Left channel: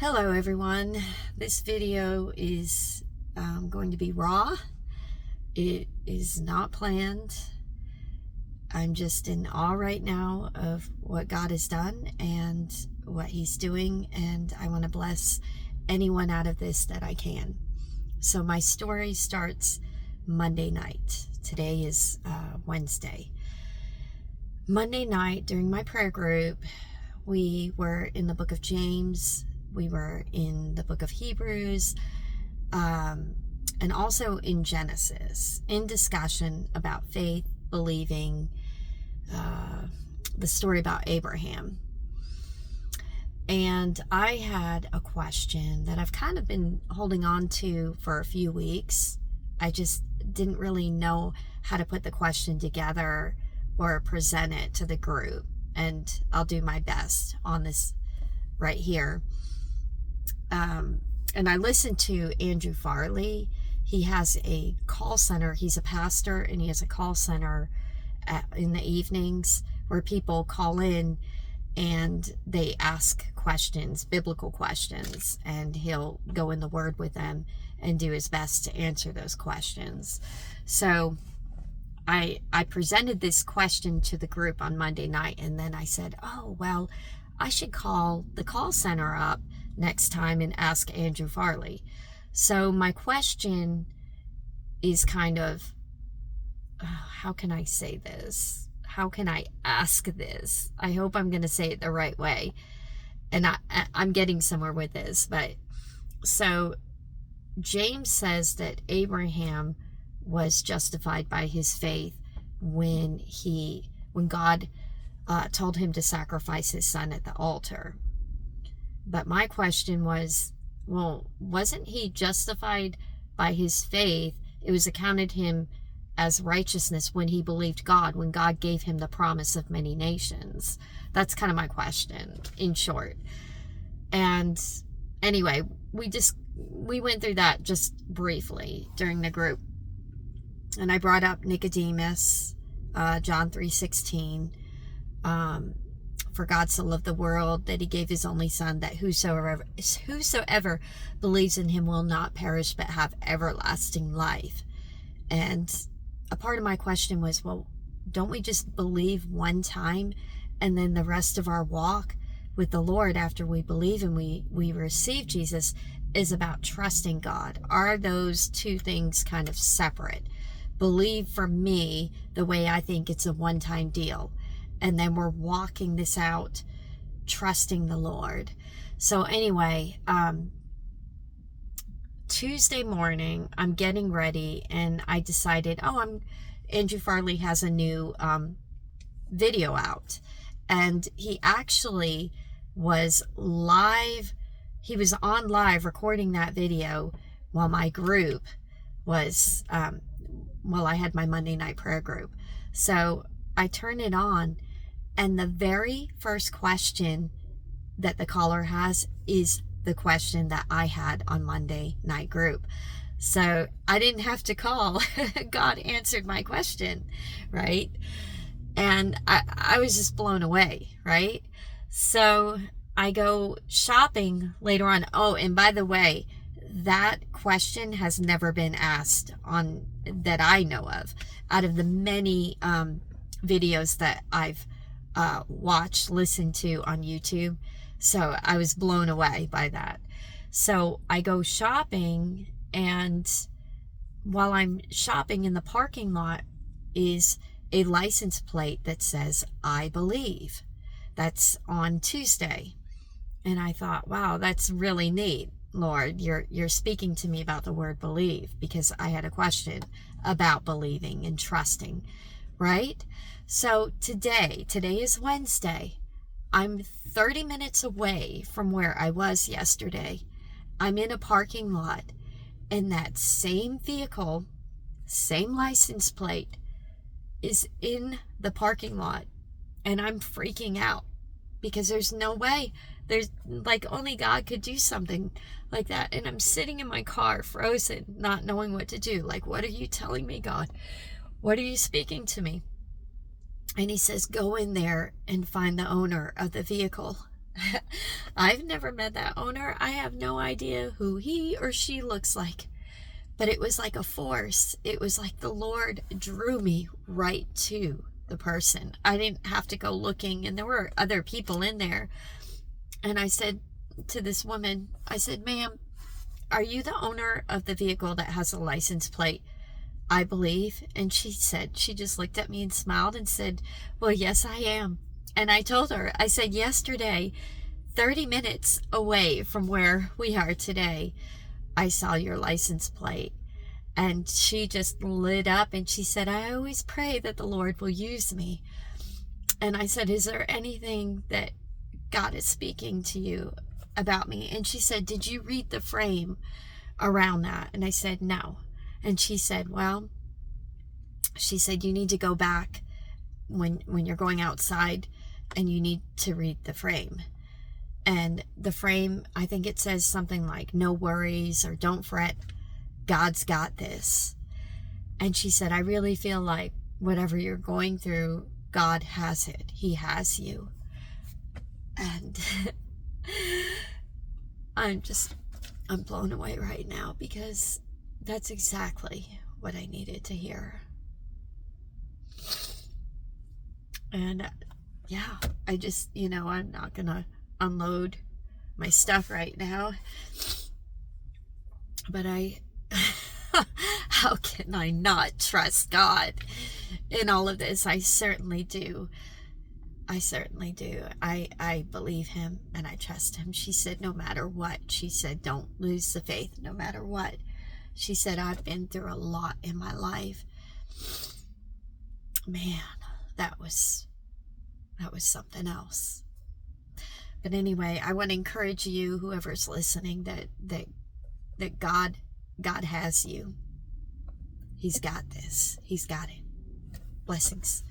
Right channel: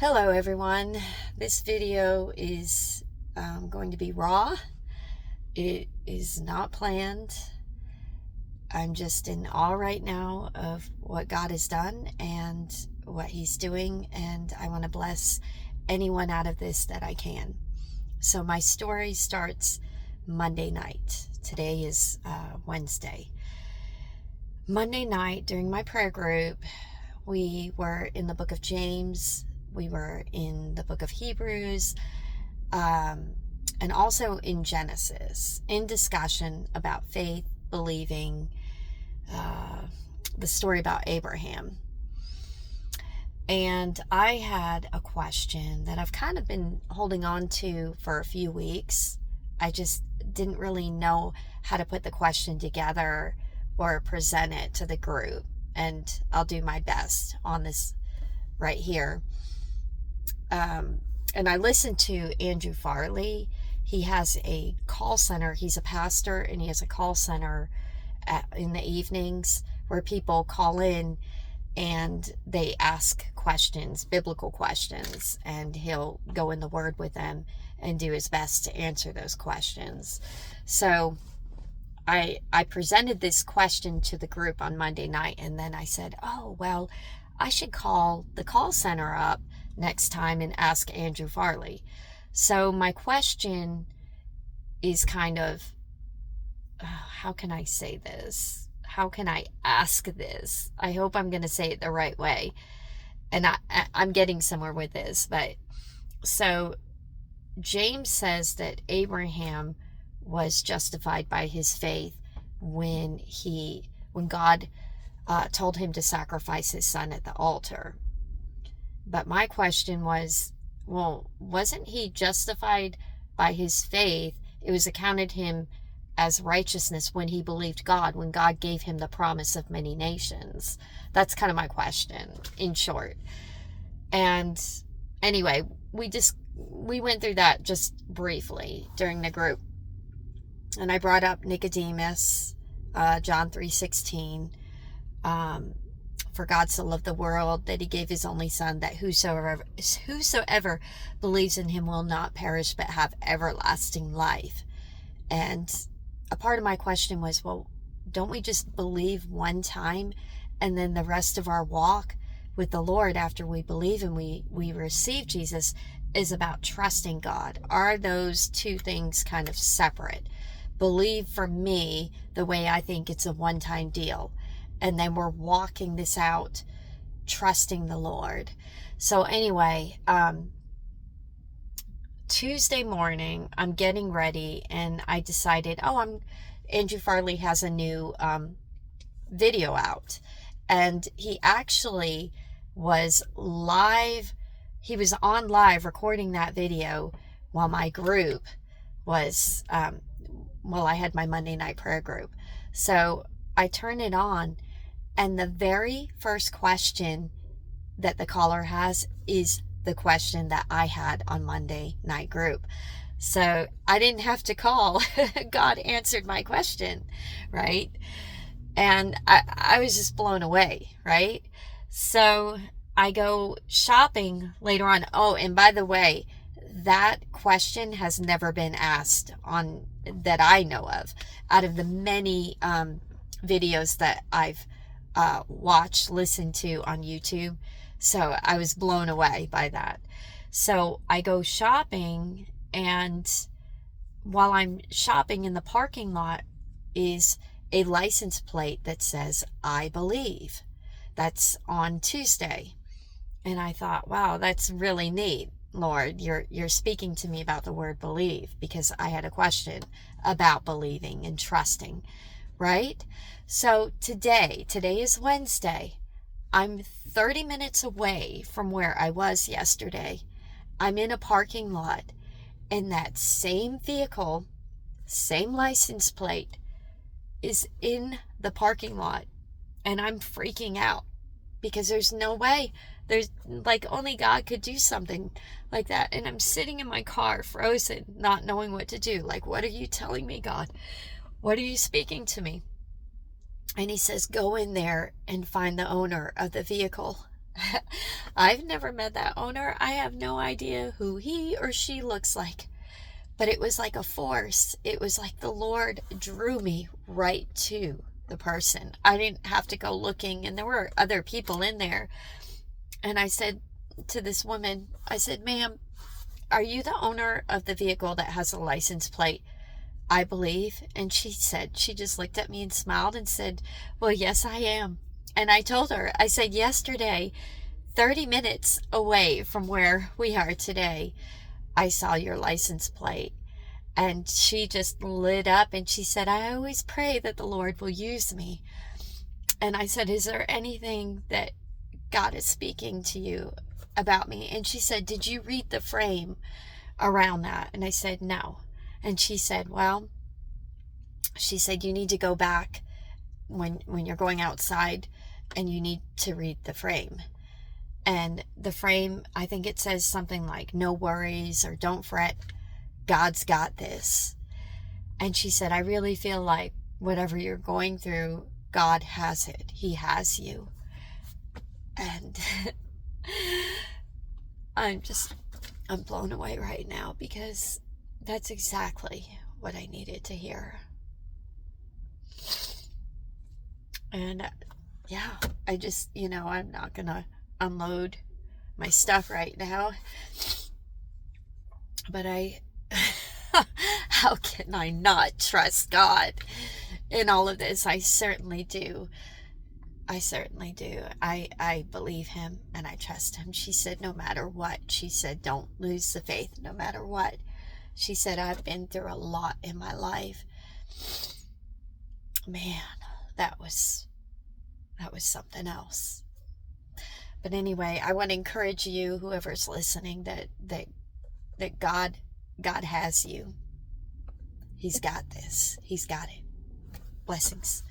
Hello everyone. This video is going to be raw. It is not planned. I'm just in awe right now of what God has done and what He's doing, and I want to bless anyone out of this that I can. So my story starts Monday night. Today is Wednesday. Monday night during my prayer group, we were in the book of James. We were in the book of Hebrews, and also in Genesis, in discussion about faith, believing, the story about Abraham. And I had a question that I've kind of been holding on to for a few weeks. I just didn't really know how to put the question together or present it to the group. And I'll do my best on this right here. And I listened to Andrew Farley. He has a call center. He's a pastor, and he has a call center in the evenings where people call in and they ask questions, biblical questions, and he'll go in the Word with them and do his best to answer those questions. So I presented this question to the group on Monday night, and then I said, oh, well, I should call the call center up next time and ask Andrew Farley. So my question is kind of, how can I say this? How can I ask this? I hope I'm going to say it the right way. And I'm getting somewhere with this. But so James says that Abraham was justified by his faith when God told him to sacrifice his son at the altar. But my question was, well, wasn't he justified by his faith? It was accounted him as righteousness when he believed God, when God gave him the promise of many nations. That's kind of my question, in short. And anyway, we went through that just briefly during the group. And I brought up Nicodemus, John 3:16. For God so loved the world that he gave his only son, that whosoever believes in him will not perish but have everlasting life. And a part of my question was, well, don't we just believe one time, and then the rest of our walk with the Lord after we believe and we receive Jesus is about trusting God? Are those two things kind of separate? Believe for me, the way I think, it's a one-time deal. And then we're walking this out, trusting the Lord. So anyway, Tuesday morning, I'm getting ready, and I decided, Andrew Farley has a new video out. And he actually was live. He was on live recording that video while my group was, I had my Monday night prayer group. So I turn it on, and the very first question that the caller has is the question that I had on Monday night group. So I didn't have to call. God answered my question, right? And I was just blown away, right? So I go shopping later on. Oh, and by the way, that question has never been asked on that I know of, out of the many videos that I've watched, listened to on YouTube. So I was blown away by that. So I go shopping, and while I'm shopping, in the parking lot is a license plate that says, I believe. That's on Tuesday. And I thought, wow, that's really neat. Lord, you're speaking to me about the word believe, because I had a question about believing and trusting, right? So today is Wednesday. I'm 30 minutes away from where I was yesterday. I'm in a parking lot, and that same vehicle, same license plate, is in the parking lot, and I'm freaking out because there's no way. There's only God could do something like that. And I'm sitting in my car frozen, not knowing what to do. What are you telling me, God? What are you speaking to me? And he says, go in there and find the owner of the vehicle. I've never met that owner. I have no idea who he or she looks like. But it was like a force. It was like the Lord drew me right to the person. I didn't have to go looking, and there were other people in there. And I said to this woman, I said, ma'am, are you the owner of the vehicle that has a license plate, I believe? And she said, she just looked at me and smiled and said, well, yes, I am. And I told her, I said, yesterday, 30 minutes away from where we are today, I saw your license plate. And she just lit up and she said, I always pray that the Lord will use me. And I said, is there anything that God is speaking to you about me? And she said, did you read the frame around that? And I said, no. And she said, well, she said, you need to go back when you're going outside and you need to read the frame. And the frame, I think it says something like, no worries or don't fret, God's got this. And she said, I really feel like whatever you're going through, God has it. He has you. And I'm blown away right now, because that's exactly what I needed to hear. And yeah, I just, I'm not gonna unload my stuff right now, but how can I not trust God in all of this? I certainly do. I believe him and I trust him. She said, no matter what, she said, don't lose the faith no matter what. She said, I've been through a lot in my life. Man, that was something else. But anyway, I want to encourage you, whoever's listening, that God has you. He's got this. He's got it. Blessings.